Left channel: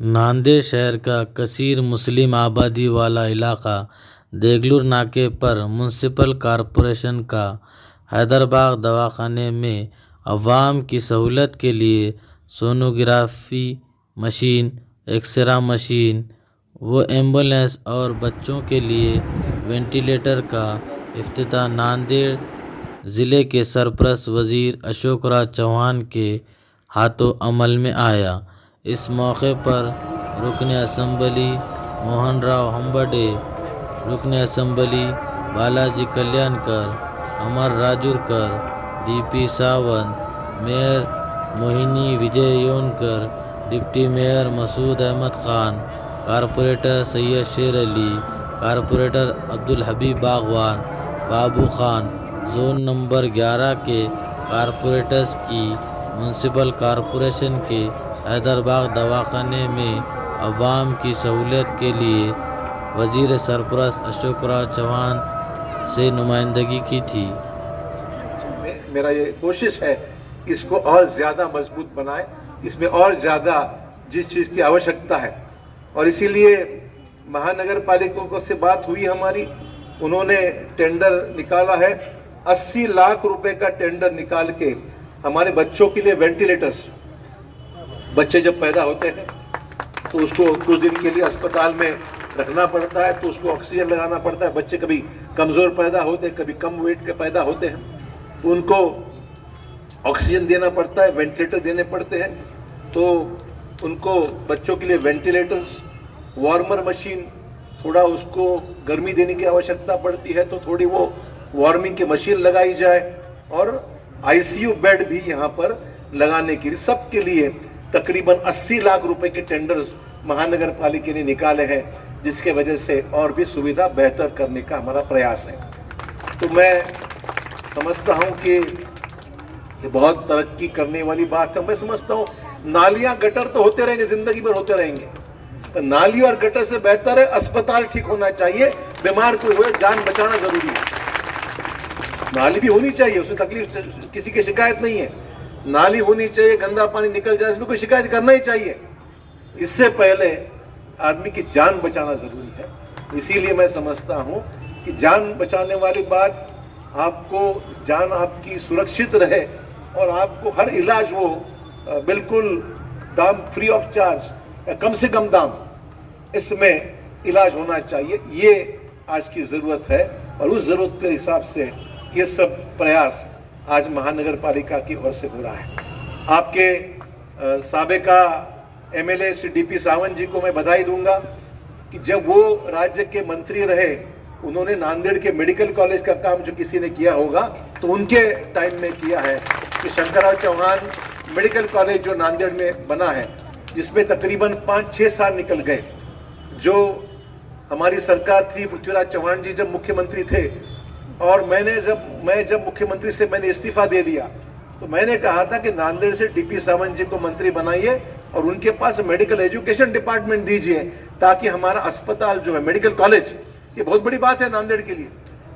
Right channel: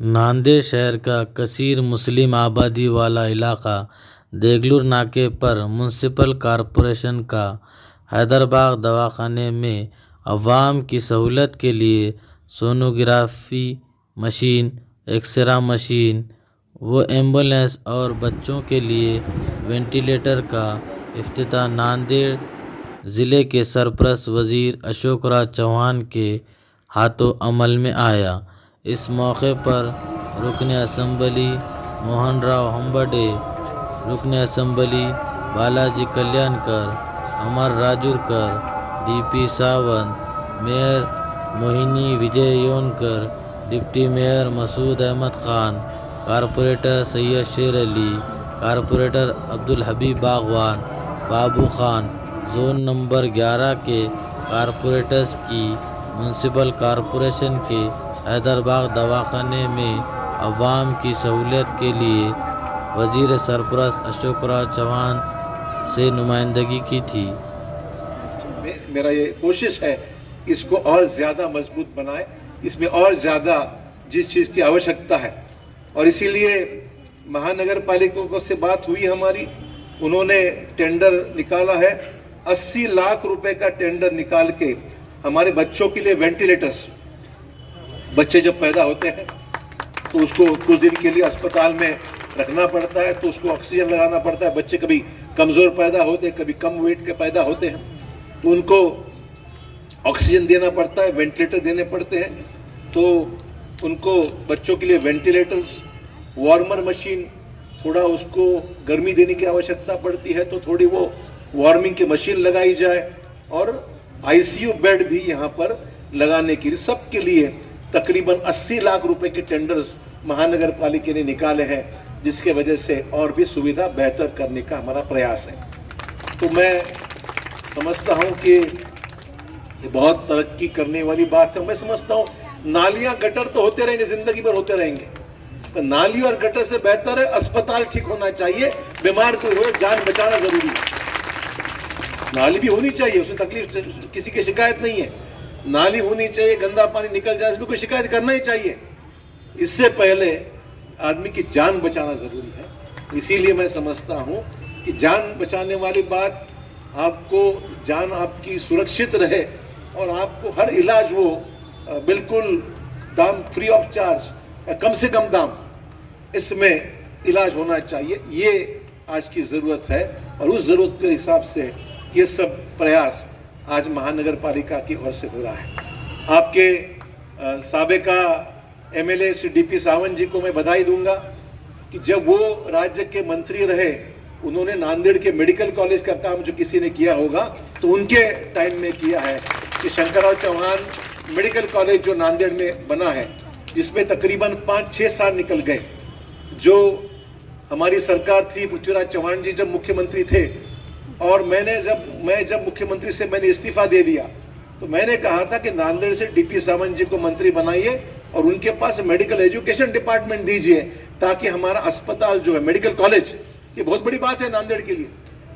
नांदेड़ शहर का कसीर मुस्लिम आबादी वाला इलाका देगलूर नाके पर म्युनिसिपल कॉरपोरेशन का हैदराबाद दवाखाने में अवाम की सहूलत के लिए सोनोग्राफी मशीन, एक्सरे मशीन व एम्बुलेंस और बच्चों के लिए वेंटिलेटर का इफ्तिताह नांदेड़ ज़िले के सरपरस्त वज़ीर अशोक राज चौहान के हाथों अमल में आया। इस मौके पर रुकन असम्बली मोहन राव हम्बडे, रुकन assembly Balaji Kalyankar, Amar Rajurkar, DP Sawant, mayor Mohini Vijay Yonkar, deputy mayor Masood Ahmed Khan, corporator Syed Sher Ali, corporator Abdul हबीब बागवान, बाबू खान, जोन नंबर 11 के कारपोरेटर्स की म्युनिसिपल कॉरपोरेशन के हैदराबाद दवाखाने में अवाम की सहूलियत के लिए वज़ीर सरपरस्त अशोक राज चौहान से नुमाइंदगी की थी। मेरा ये कोशिश है इसको और ज़्यादा मजबूत बनाए, इसमें और ज़्यादा जिस चीज़ की आवश्यकता है, और इसीलिए महानगर पालिका से बात हुई हमारी, उन्होंने टेंडर निकाला है। 80 लाख रुपए का टेंडर निकाल के हमारे बच्चों के लिए वेंटिलेटर्स, बच्चे जब पैदा होते हैं तो उसको कुछ दिन के लिए अस्पताल में रखना पड़ता है, तो उसको ऑक्सीजन लगाना पड़ता है। बच्चे कभी कमज़ोर पैदा होते हैं, कभी कम वेट के पैदा होते हैं, तो उनको ऑक्सीजन देना पड़ता है, वेंटिलेटर देने पड़ते हैं। तो उनको बच्चों के लिए वेंटिलेटर्स, वार्मर मशीन, थोड़ा उसको गर्मी देने की आवश्यकता पड़ती है तो थोड़ी वो वार्मिंग की मशीन लगाई जाए, और आईसीयू बेड भी यहाँ पर लगाने के लिए सबके लिए तकरीबन 80 लाख रुपए के टेंडर्स महानगर पालिका ने निकाले हैं, जिसके वजह से और भी सुविधा बेहतर करने का हमारा प्रयास है। तो मैं समझता हूँ कि ये बहुत तरक्की करने वाली बात है। मैं समझता हूँ नालियाँ गटर तो होते रहेंगे, जिंदगी भर होते रहेंगे, तो नाली और गटर से बेहतर है अस्पताल ठीक होना चाहिए। बीमार कोई हुए जान बचाना जरूरी है। नाली भी होनी चाहिए, उसमें तकलीफ किसी की शिकायत नहीं है, नाली होनी चाहिए, गंदा पानी निकल जाए इसमें कोई शिकायत करना ही चाहिए। इससे पहले आदमी की जान बचाना जरूरी है। इसीलिए मैं समझता हूँ कि जान बचाने वाली बात, आपको जान आपकी सुरक्षित रहे और आपको हर इलाज वो बिल्कुल दाम फ्री ऑफ चार्ज या कम से कम दाम इसमें इलाज होना चाहिए। ये आज की ज़रूरत है, और उस ज़रूरत के हिसाब से ये सब प्रयास आज महानगर पालिका की ओर से हो रहा है। आपके साबिका एमएलए श्री डीपी सावंत जी को मैं बधाई दूंगा कि जब वो राज्य के मंत्री रहे, उन्होंने नांदेड़ के मेडिकल कॉलेज का काम जो किसी ने किया होगा तो उनके टाइम में किया है कि शंकरराव चौहान मेडिकल कॉलेज जो नांदेड़ में बना है, जिसमें तकरीबन 5-6 साल निकल गए। जो हमारी सरकार थी, पृथ्वीराज चौहान जी जब मुख्यमंत्री थे, और मैं जब मुख्यमंत्री से मैंने इस्तीफा दे दिया, तो मैंने कहा था कि नांदेड़ से डीपी सावंत जी को मंत्री बनाइए और उनके पास मेडिकल एजुकेशन डिपार्टमेंट दीजिए, ताकि हमारा अस्पताल जो है, मेडिकल कॉलेज, ये बहुत बड़ी बात है नांदेड़ के लिए।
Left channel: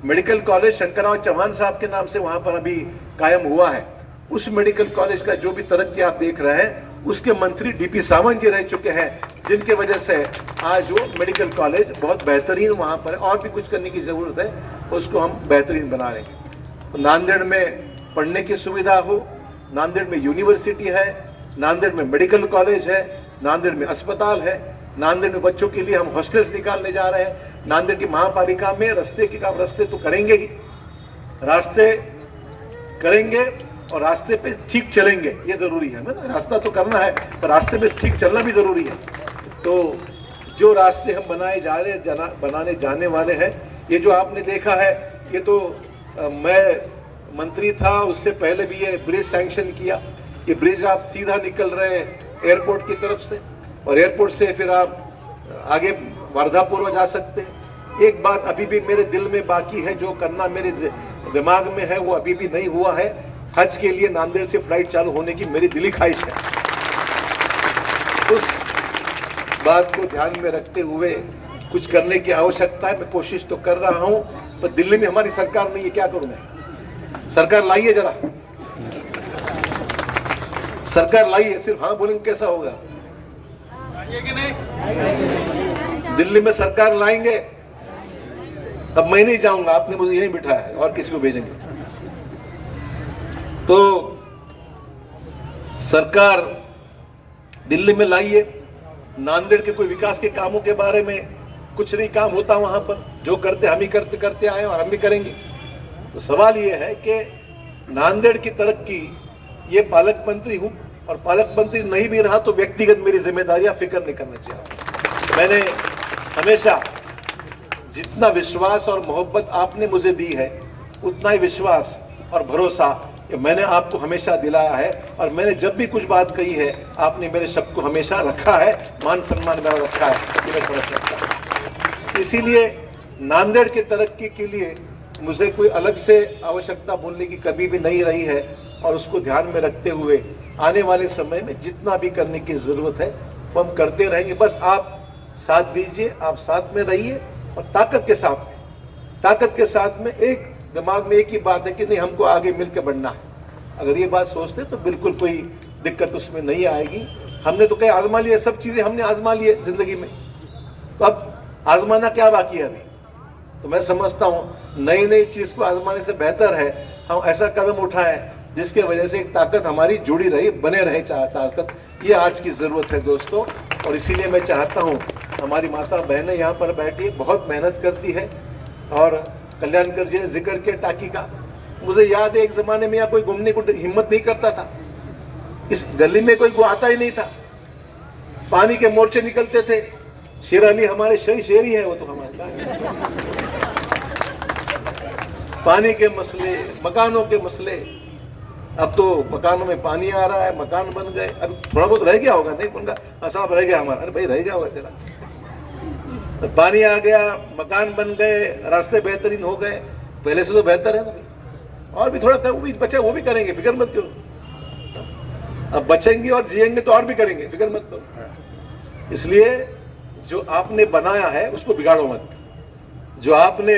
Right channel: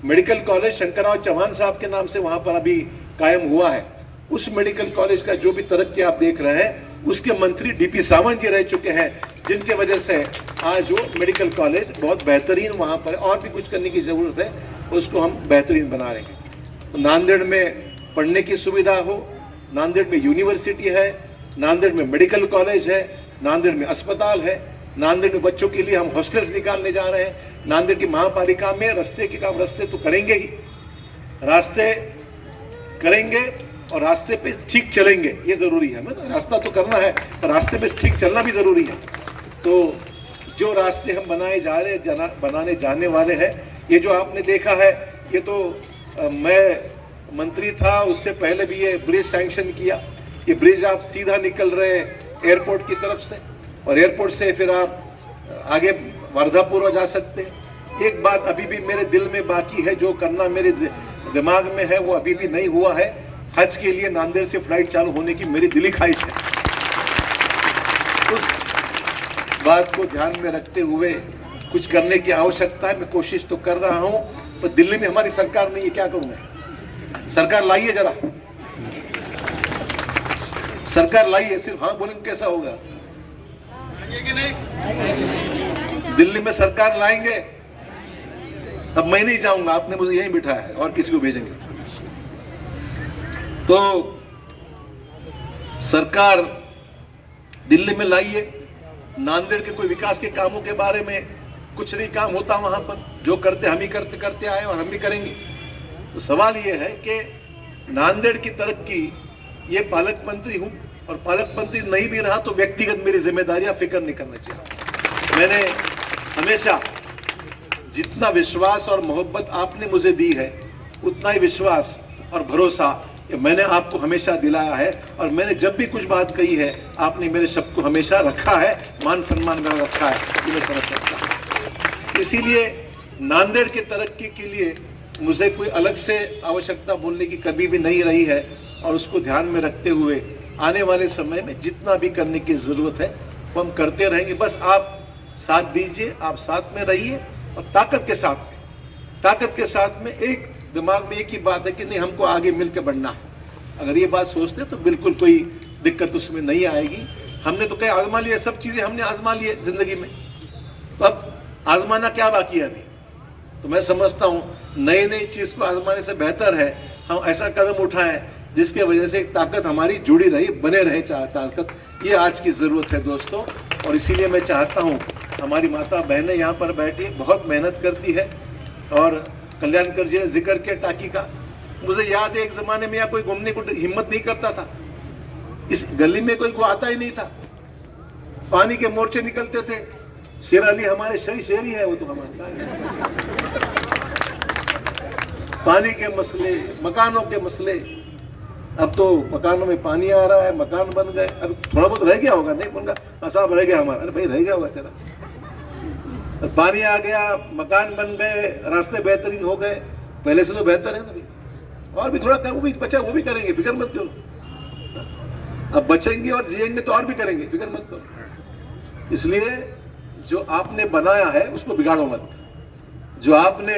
मेडिकल कॉलेज शंकरराव चौहान साहब के नाम से वहां पर अभी कायम हुआ है। उस मेडिकल कॉलेज का जो भी तरक्की आप देख रहे हैं, उसके मंत्री डीपी सावंत जी रह चुके हैं, जिनके वजह से आज वो मेडिकल कॉलेज बहुत बेहतरीन वहाँ पर है। और भी कुछ करने की ज़रूरत है, उसको हम बेहतरीन बना रहे हैं। तो नांदेड़ में पढ़ने की सुविधा हो, नांदेड़ में यूनिवर्सिटी है, नांदेड़ में मेडिकल कॉलेज है, नांदेड़ में अस्पताल है, नांदेड़ में बच्चों के लिए हम हॉस्टल्स निकालने जा रहे हैं। नांदेड़ की महापालिका में रास्ते के काम, रास्ते तो करेंगे ही, रास्ते करेंगे और रास्ते पे ठीक चलेंगे, ये जरूरी है ना। रास्ता तो करना है, पर रास्ते में ठीक चलना भी जरूरी है। तो जो रास्ते हम बनाने जाने वाले हैं, ये जो आपने देखा है, ये तो मैं मंत्री था उससे पहले भी ये ब्रिज सैंक्शन किया। ये ब्रिज आप सीधा निकल रहे एयरपोर्ट की तरफ से, और एयरपोर्ट से फिर आप आगे वर्धापुर जा सकते हैं। एक बात अभी भी मेरे दिल में बाकी है, जो करना मेरे दिमाग में है, वो अभी भी नहीं हुआ है। हज के लिए नांदेड़ से फ्लाइट चालू होने की मेरी दिली ख्वाहिश है। उस बात को ध्यान में रखते हुए कुछ करने की आवश्यकता है। मैं कोशिश तो कर रहा हूं, पर दिल्ली में हमारी सरकार नहीं है, क्या करूं मैं। सरकार लाइए, जरा सरकार लाइए, सिर्फ हाँ बोलेंगे कैसा होगा। दिल्ली में सरकार लाएंगे तब मैं नहीं जाऊंगा, आपने मुझे यहीं बिठाया है और किसी को भेजेंगे। तो सरकार दिल्ली में लाइए। नांदेड़ के कोई विकास के कामों के बारे में कुछ नहीं काम होता वहां पर, जो करते हम ही करते आए और हम भी करेंगे। तो सवाल ये है कि नांदेड़ की तरक्की, ये पालक मंत्री हूं और पालक मंत्री नहीं भी रहा तो व्यक्तिगत मेरी जिम्मेदारियां फिक्र नहीं करनी चाहिए। मैंने हमेशा जितना विश्वास और मोहब्बत आपने मुझे दी है उतना ही विश्वास और भरोसा मैंने आपको हमेशा दिलाया है। और मैंने जब भी कुछ बात कही है आपने मेरे शब्द को हमेशा रखा है, मान सम्मान मेरा रखा है, ये मैं समझ सकता हूं। इसीलिए नांदेड़ की तरक्की के लिए मुझे कोई अलग से आवश्यकता बोलने की कभी भी नहीं रही है और उसको ध्यान में रखते हुए आने वाले समय में जितना भी करने की जरूरत है वो हम करते रहेंगे। बस आप साथ दीजिए, आप साथ में रहिए और ताकत के साथ में एक दिमाग में एक ही बात है कि नहीं, हमको आगे मिलकर बढ़ना है। अगर ये बात सोचते तो बिल्कुल कोई दिक्कत उसमें नहीं आएगी। हमने तो कहीं आजमा लिया, सब चीजें हमने आजमा लिए जिंदगी में, तो अब आजमाना क्या बाकी है अभी। तो मैं समझता हूँ नई चीज को आजमाने से बेहतर है हम ऐसा कदम उठाएं जिसके वजह से एक ताकत हमारी जुड़ी रही, बने रहे ताकत। ये आज की जरूरत है दोस्तों। और इसीलिए मैं चाहता हूँ हमारी माता बहनें यहाँ पर बैठी बहुत मेहनत करती है। और कल्याणकर जी ने जिक्र किया टाकी का, मुझे याद है एक जमाने में यहाँ कोई घूमने को हिम्मत नहीं करता था, इस गली में कोई आता ही नहीं था, पानी के मोर्चे निकलते थे। शेर अली हमारे शेरी है, वो तो हमारे पानी के मसले, मकानों के मसले। अब तो मकानों में पानी आ रहा है, मकान बन गए, अब थोड़ा बहुत रह गया होगा, नहीं उनका हाँ साहब रह गया हमारा, अरे भाई रह गया होगा तेरा। तो पानी आ गया, मकान बन गए, रास्ते बेहतरीन हो गए, पहले से तो बेहतर है ना। और भी थोड़ा वो भी बचा, वो भी करेंगे, फिक्र मत करो। अब बचेंगे और जिएंगे तो और भी करेंगे, फिक्र मत करो। इसलिए जो आपने बनाया है उसको बिगाड़ो मत। जो आपने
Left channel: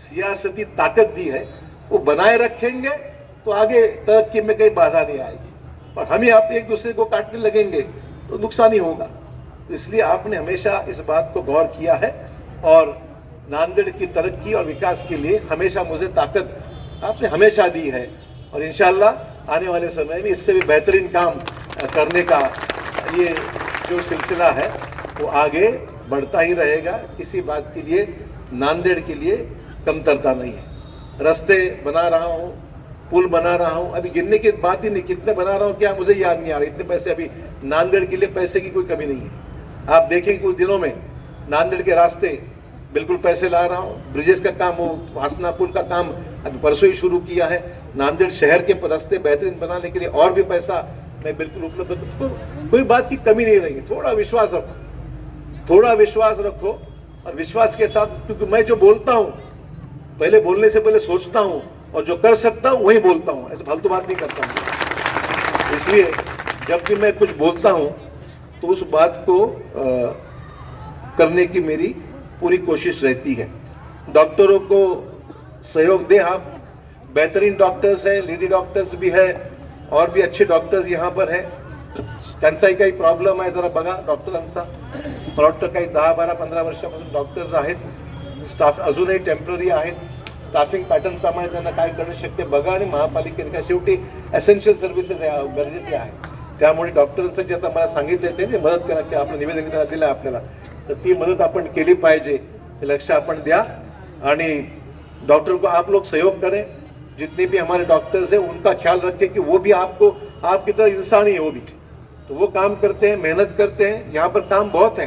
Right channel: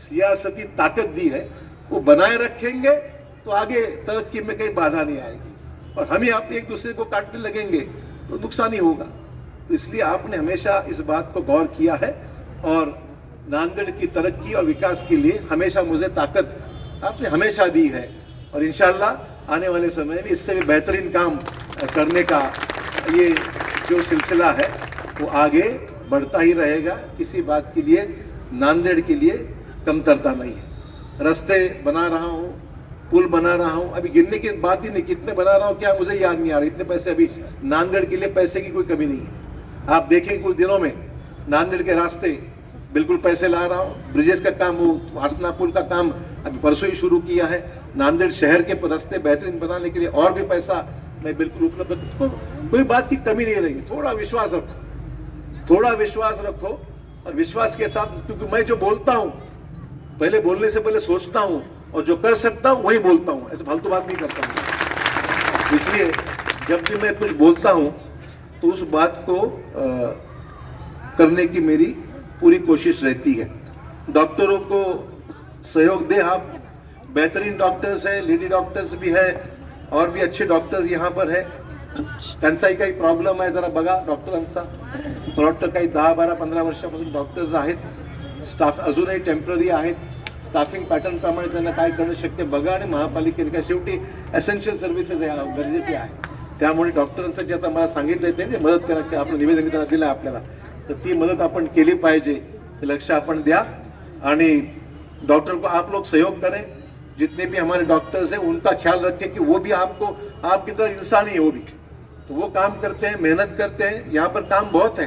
सियासती ताकत दी है वो बनाए रखेंगे तो आगे तरक्की में कहीं बाधा नहीं आएगी। और हम ही आप एक दूसरे को काटने लगेंगे तो नुकसान ही होगा। इसलिए आपने हमेशा इस बात को गौर किया है और नांदेड़ की तरक्की और विकास के लिए हमेशा मुझे ताकत आपने हमेशा दी है। और इंशाल्लाह आने वाले समय में इससे भी बेहतरीन काम करने का ये जो सिलसिला है वो आगे बढ़ता ही रहेगा। किसी बात के लिए नांदेड़ के लिए कमतरता नहीं है। रास्ते बना रहा हूँ, पुल बना रहा हूँ, अभी गिनने की बात ही नहीं, कितने बना रहा हूँ क्या मुझे याद नहीं आ रहा। इतने पैसे अभी नांदेड़ के लिए पैसे की कोई कमी नहीं है। आप देखेंगे कुछ दिनों में नांदेड़ के रास्ते बिल्कुल पैसे ला रहा हूँ। ब्रिजेस का काम, वो हसना पुल का काम अभी परसों ही शुरू किया है। नांदेड़ शहर के रास्ते बेहतरीन बनाने के लिए और भी पैसा मैं बिल्कुल उपलब्ध, कोई बात की कमी नहीं रहेगी। थोड़ा विश्वास रखो, थोड़ा विश्वास रखो। और विश्वास के साथ, क्योंकि मैं जो बोलता हूँ पहले बोलने से पहले सोचता हूँ और जो कर सकता हूँ वही बोलता हूँ, ऐसे फालतू बात नहीं करता हूँ। इसलिए जब भी मैं कुछ बोलता हूँ तो उस बात को करने की मेरी पूरी कोशिश रहती है। डॉक्टरों को सहयोग दें आप, बेहतरीन डॉक्टर्स हैं, लेडी डॉक्टर्स भी हैं और भी अच्छे डॉक्टर्स यहाँ पर हैं। त्यांचाही काही प्रॉब्लेम आहे जरा बघा डॉक्टरांचा, डॉक्टर काही 10-12-15 वर्षापासून डॉक्टर्स आहेत, स्टाफ अजूनही टेम्पररी आहेत। स्टाफिंग पॅटर्न प्रमाणे त्यांना काय करणं शक्य बघा आणि महापालिकेने काय शेवटी एसेन्शियल सर्व्हिसेस गरजेचे आहे। त्यामुळे डॉक्टरांचं जे आता मला सांगितलंय ते मदत करा की आपलं निवेदन त्याला दिलं आपल्याला, तर ती मदत आपण केली पाहिजे, ते लक्ष आपण द्या। आणि डॉक्टर को आप लोग सहयोग करें, जितने भी हमारे डॉक्टर्स हैं उनका ख्याल रखें कि वो भी आपको आपकी तरह इंसान ही है, वो भी तो वो काम करते हैं, मेहनत करते हैं। यहाँ पर काम बहुत है।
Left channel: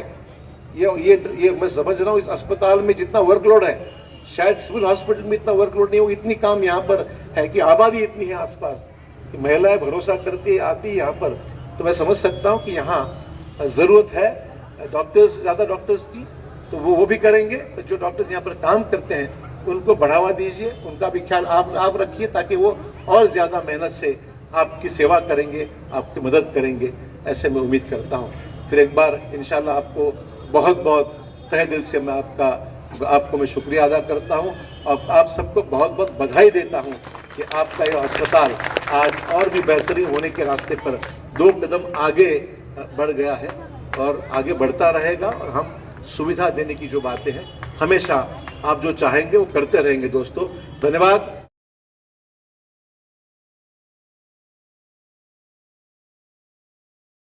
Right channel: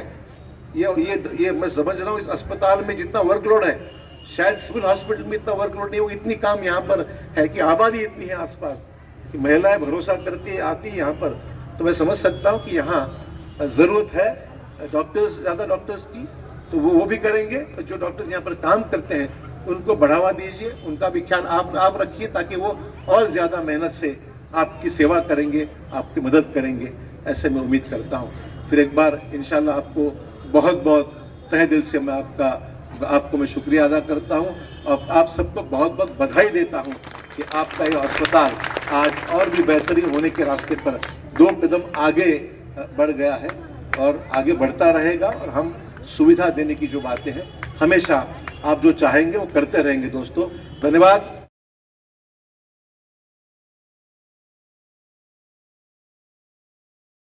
ये मैं समझ रहा हूँ इस अस्पताल में जितना वर्कलोड है शायद सिविल हॉस्पिटल में इतना वर्कलोड नहीं हो। इतनी काम यहाँ पर है कि आबादी इतनी है आसपास कि महिलाएं भरोसा करती आती है यहाँ पर। तो मैं समझ सकता हूँ कि यहाँ जरूरत है डॉक्टर्स, ज़्यादा डॉक्टर्स की, तो वो भी करेंगे। तो जो डॉक्टर्स यहाँ पर काम करते हैं उनको बढ़ावा दीजिए, उनका भी ख्याल आप रखिए ताकि वो और ज़्यादा मेहनत से आपकी सेवा करेंगे, आपकी मदद करेंगे, ऐसे मैं उम्मीद करता हूँ। फिर एक बार इंशाल्लाह आपको बहुत बहुत तहे दिल से मैं आपको मैं शुक्रिया अदा करता हूँ और आप सबको बहुत बहुत बधाई देता हूँ कि आपका ये अस्पताल आज और भी बेहतरीन होने के रास्ते पर 2 कदम आगे बढ़ गया है। और आगे बढ़ता रहेगा और हम सुविधा देने की जो बातें हैं हमेशा आप जो चाहेंगे वो करते रहेंगे दोस्तों। धन्यवाद।